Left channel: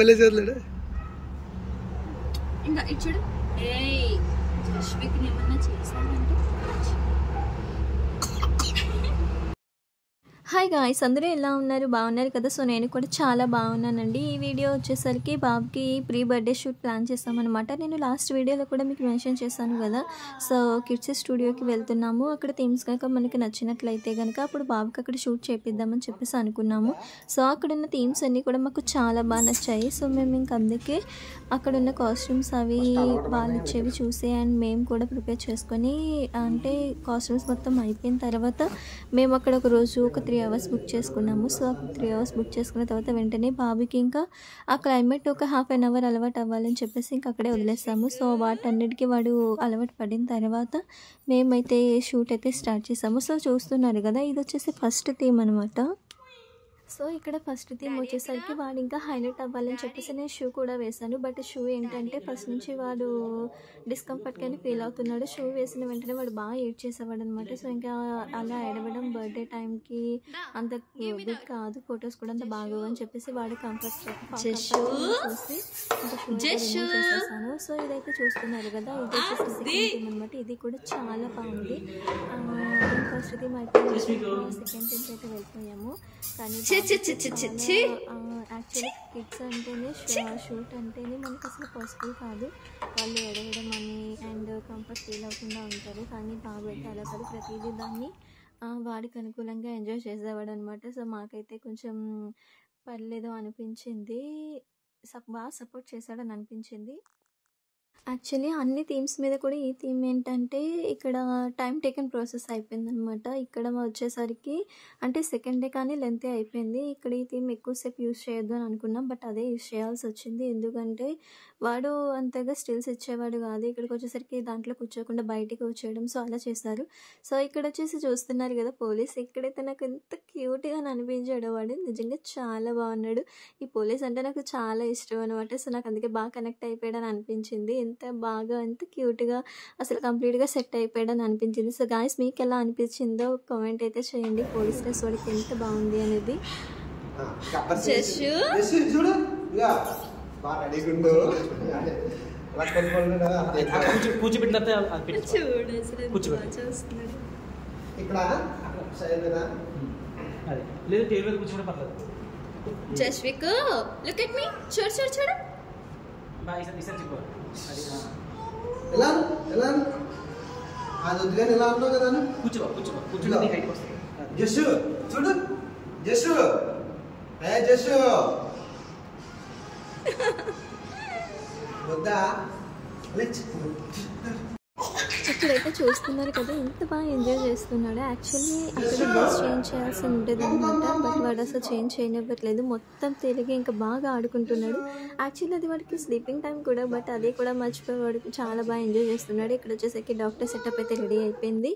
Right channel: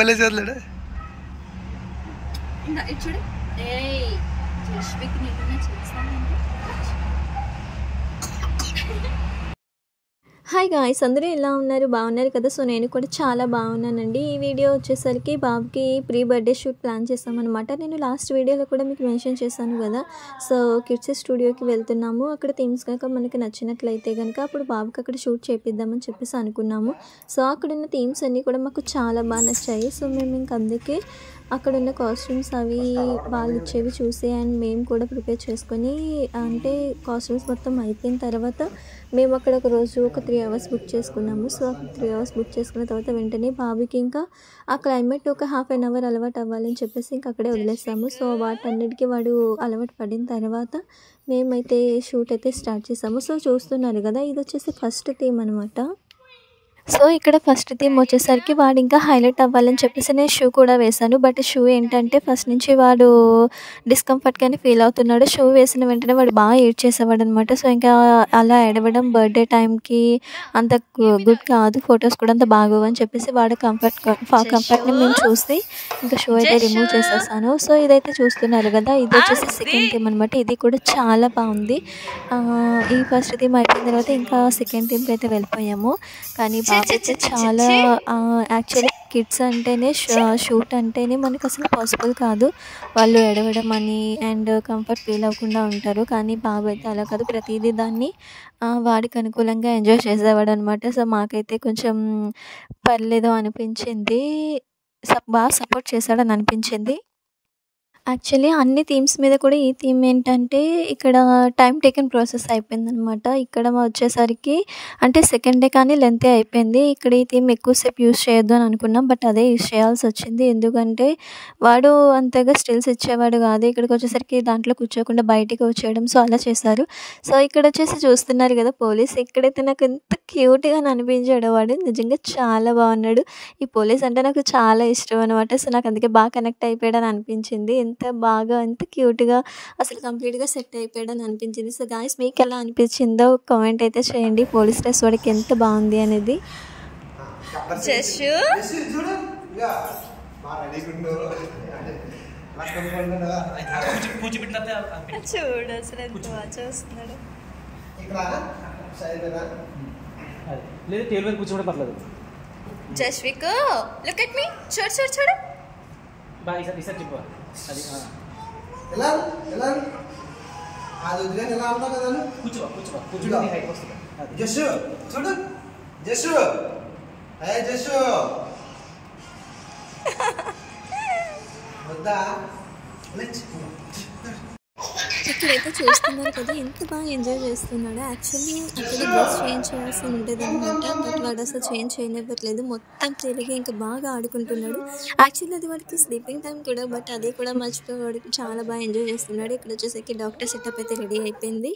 మళ్ళీ చేతులేడా ఇంకా ఇటు చూడు. ఏయ్ జస్విక్ ఏమన్నా చేశానంటే హాయ్ గాయ్స్, అందరూ ఎలా ఉన్నారు? బాగున్నారు కదా? సో నేను కూడా చాలా బాగున్నానండి. ఈ వీడియో వచ్చేసరికి బాబుకి ప్రీ బర్త్డే షూట్ ప్లాన్ చేస్తామన్నమాట. నేను లాస్ట్ వీడియోలో కూడా మీకు మెన్షన్ చేశాను కదా. సో కిడ్స్ స్టూడియోకి వెళ్తున్నాము. అక్కడ థీమ్స్ కనుక మనకి నచ్చినట్లయితే కనుక అప్పుడు బాబుకి అక్కడ షూట్ చేపిద్దామని చెప్పేసి అనుకున్నాము. సో అక్కడున్న థీమ్స్ అన్నీ కూడా మాకు చాలా బాగా నచ్చాయి. సో మేము ఇంక అందుకే అక్కడున్న కాస్ట్యూమ్స్ అవి వాళ్ళు ఇచ్చేవి చూసి అండ్ మేము కూడా ప్రిపేర్ చేసుకొని, అంటే కాస్ట్యూమ్స్ మొత్తం అయిపోయిన తర్వాత మేము అక్కడ ఒక రోజు ఒక 3 hours బుక్ చేసుకున్నాము. సో 3 hours బుక్ చేసుకున్న తర్వాత వెంటనే బాబుకి ఇంకా ఆ క్లైమేట్ ఒక 1/2 hour అలవాటు అవ్వాలని చెప్పేసి ఇంకా అక్కడే వదిలేసాము. సో వాటన్నిటికీ వాడు అలవాటు పడిన తర్వాత మేమైతే షూట్ అయితే స్టార్ట్ చేసాము. సో చూస్తున్నారు కదా, ఇది వచ్చేసి ఫస్ట్ థీమ్ అనమాట. సో ఇక్కడ ఫస్ట్ థీమ్ వచ్చేసరికి వాడు ఇంకా హైలైట్ అవ్వాలని చెప్పేసి నేను షూ కూడా వేశాను. బట్ షూ ఏంటంటే ఫస్ట్ నుంచి వాడు డిస్కంఫర్ట్గానే ఫీల్ అవుతున్నాడు. షూ వేసిన వెంటనే వాడు బాగా ఏడ్చేసేవాడు అనమాట. సో ఇంకా అలా ఏడవడం బర్త్డే టైంకి అంత గుడ్ కాదు, ఫొటోస్ కూడా అంత బాగోవు అని చెప్పేసి వాడు కంఫర్ట్ని మేము చూసి ఇంకా షూ అయితే రిమూవ్ చేసేసాను. సో ఇదైతే చూస్తున్నారు కదా, ఇది వచ్చేసి సెకండ్ థీమ్ అనమాట. ఇది కూడా చాలా బాగుంది. ఈ ఫస్ట్ థీమ్ అయిపోయిన తర్వాత ఇంకా సెకండ్ థీమ్కి అయితే వెళ్ళిపోయాము. కానీ అయితే చాలా యాక్చువల్లీ కిడ్స్ అంటేనే షూట్ అంటేనే మనకు అసలు పాసిబుల్ కాదు. వాళ్ళు ఎడవడం అని అండ్ కంఫర్ట్ ఫీల్ అవ్వకుండా ఉంటారు. కానీ బాబు అయితే అలా కాదు, ప్రతిదీ దాన్ని వాడికి అనుకూలంగా ఎంజాయ్ చేసేవాడు అనమాట. సో మాకైతే కొంచెం పర్లేదు అనిపించింది, బాగా సపోర్ట్ చేశాడని అనిపించింది. యాక్చువల్లీ అన్ని థీమ్స్ మీద కూడా ఈ థీమ్ ఏంటంటే ఇక్కడ టైం టేకెన్ ప్రాసెస్ అయిపోయిందనమాట. ఇక్కడ వచ్చేసరికి అంటే సెకండ్ డే కానీ లెంతే అయిపోయింది. ఇక్కడ ఈ థీమ్ ఎక్కువసేపు యూజ్ చేయొద్దు అని అనుకున్నాం, బట్ అదే యూజ్ చేయాల్సి వచ్చింది. ఎందుకంటే వాడు అంతగా స్టిల్స్ ఇచ్చేవాడు కాదు. ఇక్కడికి వచ్చేసరికి దాంట్లో కూర్చోకుండా బయటికి వచ్చేయడం, సో అలా చేశారు. సో ఇక్కడ వచ్చేసి చూస్తున్నారు కదా పోలీస్, ఇక్కడైతే నాకు ఎంత క్యూట్గా అనిపించాడు వాడు. నిజంగా చాలా బాగున్నాడు. ఈ పోలీస్ అంటే నాకు చాలా ఇష్టం అనమాట. సో నాకు అందుకే బాగా కనెక్ట్ అయిపోయాడని అనిపించింది. ఎంత బాగా ఎంత క్యూట్గా అసలు కంప్లీట్గా సెట్ అయిపోయాడని అనిపించింది. సో గాయ్స్, మీకు ఎలా అనిపించిందో కామెంట్ అయితే చేయండి. పోలీస్ డ్రెస్ వాడికి ఎంత బాగుంది అనేది. చూడు అసలు ఎంత బాగా చూస్తున్నాడు. జస్విక్ లుక్ ఎట్ మీ, చూడు చూడు చూడు. జస్సు చూడు, జస్సు జస్సు వద్దా. ఇక్కడైతే చూస్తున్నారు కదా ఎంత బాగా ఎంజాయ్ చేస్తున్నాడు. యాక్చువల్లీ అక్కడ డ్రెస్ చేంజ్ చేయాల్సి ఉంటుంది అనమాట, బట్ వాడు అసలు చేంజ్ చేయనివ్వట్లేదు. మొత్తం తిరిగి ఇంకా బాగా ఆడుకుంటున్నాడు. యాక్చువల్లీ అది వాడికి స్లీపింగ్ టైం కూడా, బట్ అదే కూడా మర్చిపోయి వాడు చాలా బాగా ఎంజాయ్ చేస్తున్నాడు. ఇక్కడ వచ్చేసరికి డాక్టర్ సెటప్ అయితే రెడీ అయిపోయింది,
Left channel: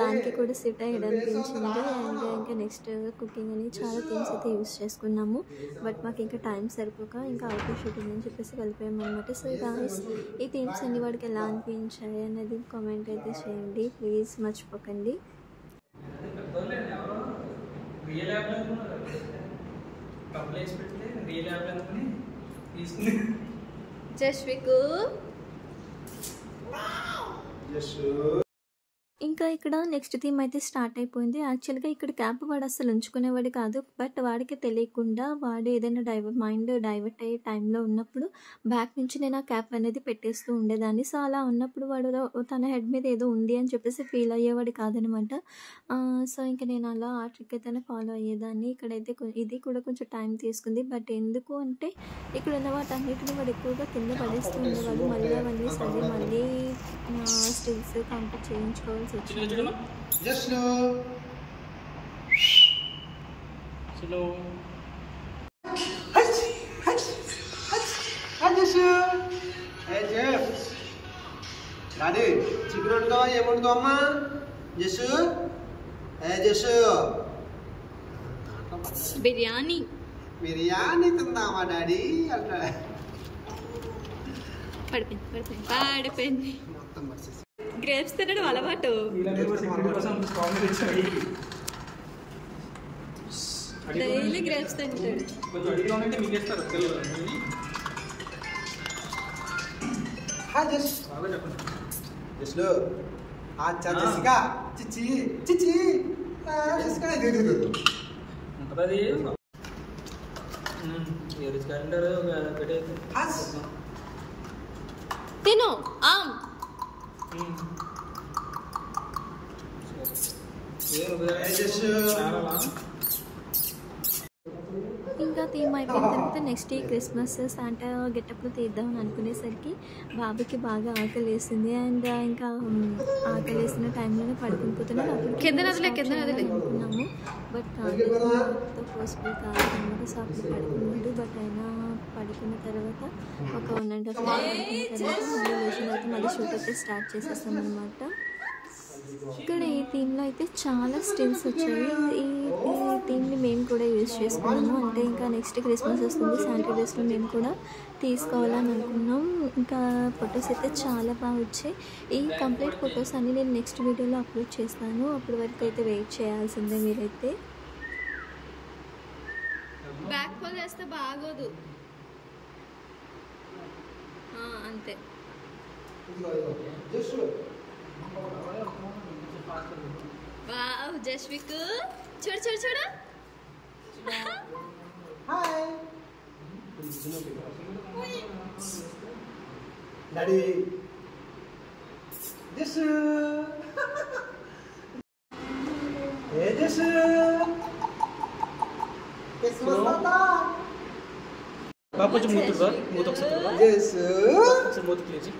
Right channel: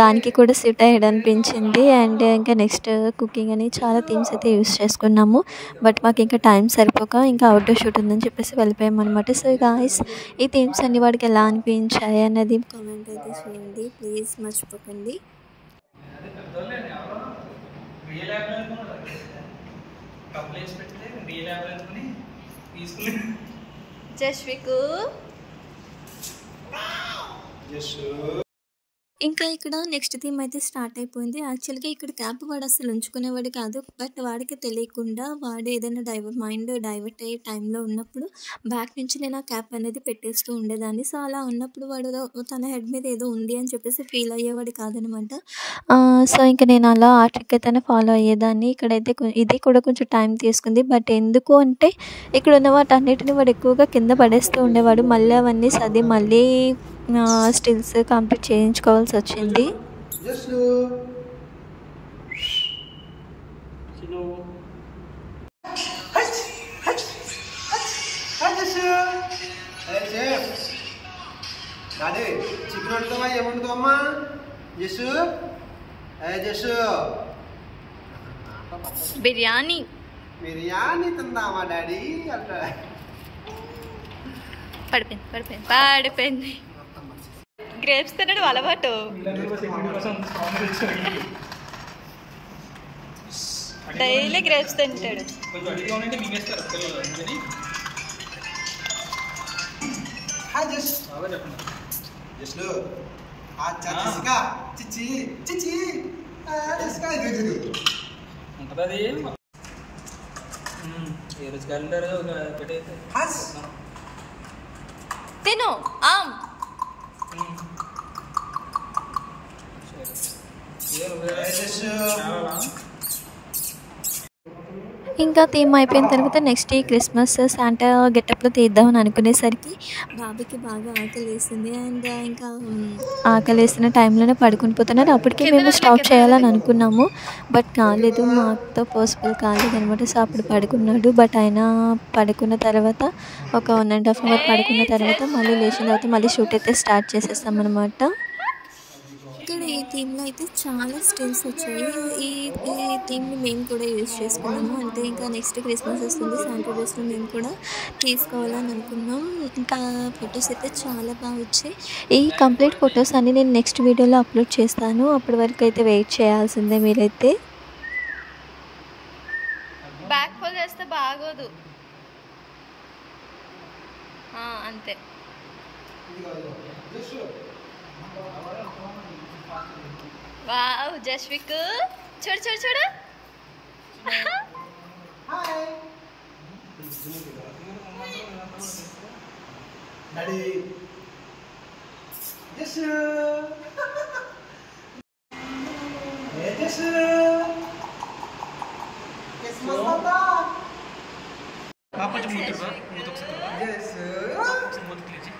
దానికి కూడా సెట్ అయ్యాడు అనిపించింది. అండ్ ఇంకా నెక్స్ట్ కుకింగ్ అని చాలా థీమ్స్ అయితే యూస్ చేసుకున్నాము. బట్ మాకు ఇంకా టైం సరిపోక ఇంకా అవుట్డోర్ షూట్ ఉందని చెప్పేసి వెళ్ళిపోయాం అనమాట. సో గాయ్స్, ఈ థీమ్స్ అన్ని వాడికి ఎలా అనిపించాయి అన్నది కామెంట్ అయితే చేయండి ప్లీజ్, మర్చిపోకండి. జస్విక్ ఇంకా ఇక్కడ నెక్స్ట్ థీమ్ అయితే స్టార్ట్ అయిపోయింది. యాక్చువల్గా ఇక్కడ క్యాప్ వాడు అసలు ఉంచుకునేవాడు కాదు, బట్ వాడికి తెలియకుండా వాడు ఏదైనా మైండ్ డైవర్ట్ అయ్యే టైంలో ఉన్నప్పుడు బ్యాక్ నుంచి నేను ఆ క్యాప్ అనేది పెట్టేస్తూ ఉండేదాన్ని. సో అలా ఉన్నప్పుడు వాడు తన హెడ్ మీద ఏదో ఉంది అని చెప్పేసి ఫీల్ అయ్యేవాడు కాదనమాట. సో ఇంకా నేను అలా ఆ ట్రిక్ అయితే ఫాలో అయ్యేదాన్ని. ఇక్కడైతే ఇది కూడా కొంచెం టైం తీసుకుంది, బట్ ఎందుకు అంటే ఇక్కడ ఉన్న వాటన్నిటిని వాడు ఎక్కువగా కింద పడేస్తూ ఉండేవాడు. మళ్ళీ అవన్నీ సది మళ్ళీ స్టిల్స్ కంప్లీట్ చేయించుకోవాల్సి వచ్చింది. ఏమంటుందమ్మా జస్సు? జస్సు బిర్యానీ బిర్యానీ తిందామా డాడీ అంటా. పడిపోయింది. గ్రేప్స్ తినడం అలవాటు. డైలీ గ్రేప్స్ తింటాడు. కొంచెం అడిగా ఉంటే మీకేస్తారు పిల్లలు అందుకని హాయ్ జస్ బాగా చెప్పండి. జస్లు అచ్చా జెసికా చిచి చిచి జెసికా ఇది ఉంటుంది అది ఏ రోజు క్యాలెండర్ పెట్టేది హాస్ తిను ఆమ్. జస్సు ఇంకా థీమ్ అయిపోయిన తర్వాత నెక్స్ట్ ఈ క్రిస్మస్ శాంటా గెటప్లో తీద్దామని అనుకునేసరికి బాబుకి బాగా ఆకలి వేసింది. అండ్ ఇంకా ఆకలి వేసిన టైంలోనే పడుకుని పోతున్నారు. అప్పటికే మేము స్టాప్ చేయాలని అనుకున్నాము, బట్ కాలేదు, మాతో పాసిబుల్ కాలేదు అనమాట. సో అప్పుడు పడుకున్నాడు. బట్ ఆయన పడుకున్న తర్వాత ఒక 1.5 hour పడుకున్న తర్వాత మళ్ళీ లేచిన తర్వాత మళ్ళీ షూట్ అయితే స్టార్ట్ చేసేస్తాం అనమాట. ఇక్కడ ఈ థీమ్లో అయితే చాలా స్టిల్స్ వచ్చాయి. ఈ థీమ్ని మేము కూడా యూజ్ చేసుకున్నాము. అంటే ఇంకా నెక్స్ట్ క్రిస్మస్ వస్తుంది, శాంటా డ్రెస్లో మేము కూడా తీసుకోవాలని అనుకున్నాం. ఇంకా ఫొటోస్ అయితే చాలా బాగా వచ్చాయి. ఈ కంప్లీట్ ఫొటోస్ అన్ని నేను నెక్స్ట్ వీడియోలో అప్లోడ్ చేస్తాను. అప్పటి వరకు అయితే వెయిట్ చేయాల్సిందే మీరైతే. బ్యాక్ ఫోల్డ్ చేస్తే బాగోదు అంతే. వావ్ జస్విక్ చూడు చూడు చూడు. హాయ్ డాడీ జస్సు ఏ జస్సు క్రిస్మస్ తాతా కాకపోతే మూతి మూతి ఒకసారి జస్సు ఒకసారి మూతి క్లియర్ చేయి.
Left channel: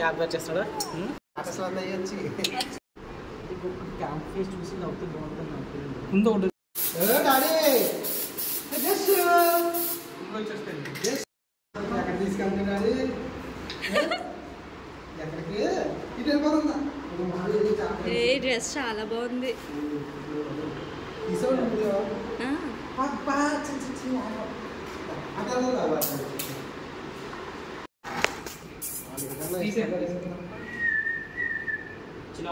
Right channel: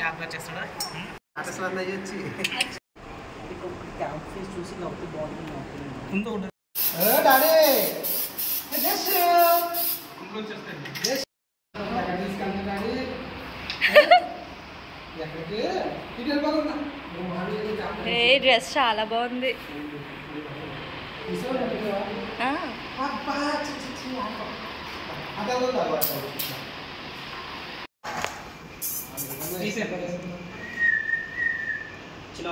క్యాప్ చేస్తాడా అసలు అయ్యొచ్చి క్యాంప్ ఫేస్ చూసి నవ్వుతూ బాగుంటుంది. ఇంకొకటి డాడీ జస్సు ఇంకొచ్చేస్తాయి. ఎక్కడికి తీసుకెళ్తా డాడీ ఎక్కడికి ఇటు వెళ్ళిపోతున్నా ఏ డ్రెస్ చాలా బాగుంది. చిన్న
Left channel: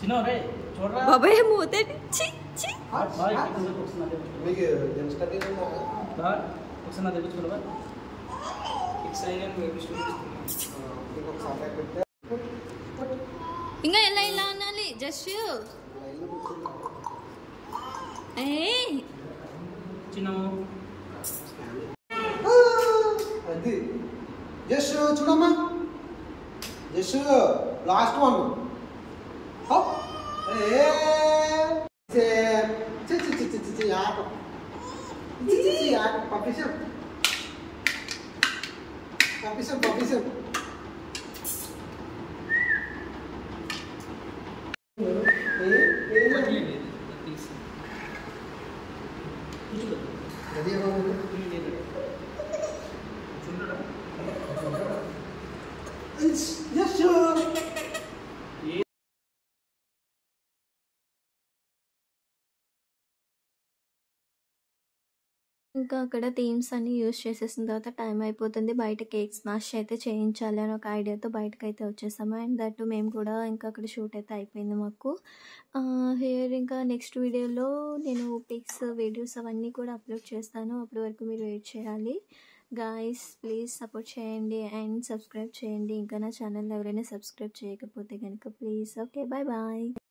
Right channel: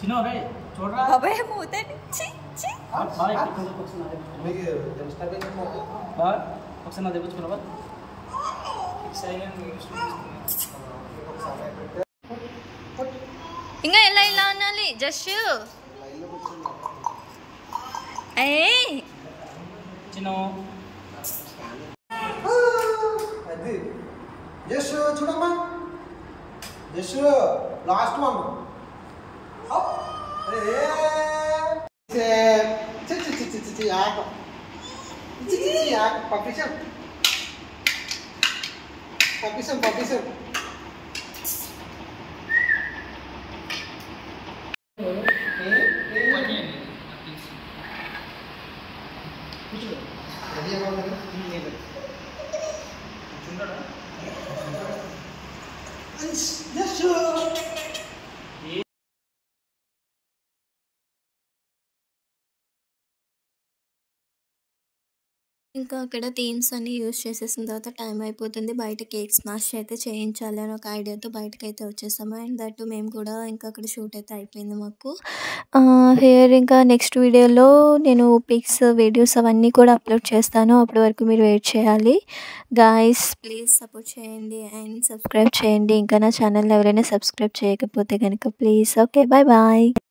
చిన్న రే చూడరా బాబాయ్ మూత బాగా ఒకసారి నా తెప్పించుకున్నావా ఇంకా ఎలా ఇలా అనాలి జస్ట్ చిన్న అది జస్సు చూడమ్మా జస్సు లాస్ట్ వన్ పంపిస్తాం రెడీ అవ్వాలి ఇంకా అక్కడ థీమ్స్ అన్ని యూజ్ చేసేసిన తర్వాత టైం అయిపోతుంది. బయట కేక్ స్మాష్ అయితే చేయించాలి అని ఒక ఐడియాతో బయటకు అయితే వచ్చేసాము. అండ్ దట్ మేము కూడా ఇంకా అక్కడ షూట్ అయితే అయిపోయింది మాకు. హియర్ ఇంకా నెక్స్ట్ వీడియోలో నేను పిక్స్ వీడియోస్ అవన్నీ కూడా అప్లోడ్ చేస్తాను. అప్పటి వరకు మీరు వెయిట్ చేయాలి. గాయస్ ప్లీజ్ సపోర్ట్ చేయండి అండ్ సబ్స్క్రైబ్ చేయండి. ఇంకా నా ఛానల్ ఎవరైనా సబ్స్క్రైబ్ చేయకపోతే కనుక ప్లీజ్. Okay bye bye.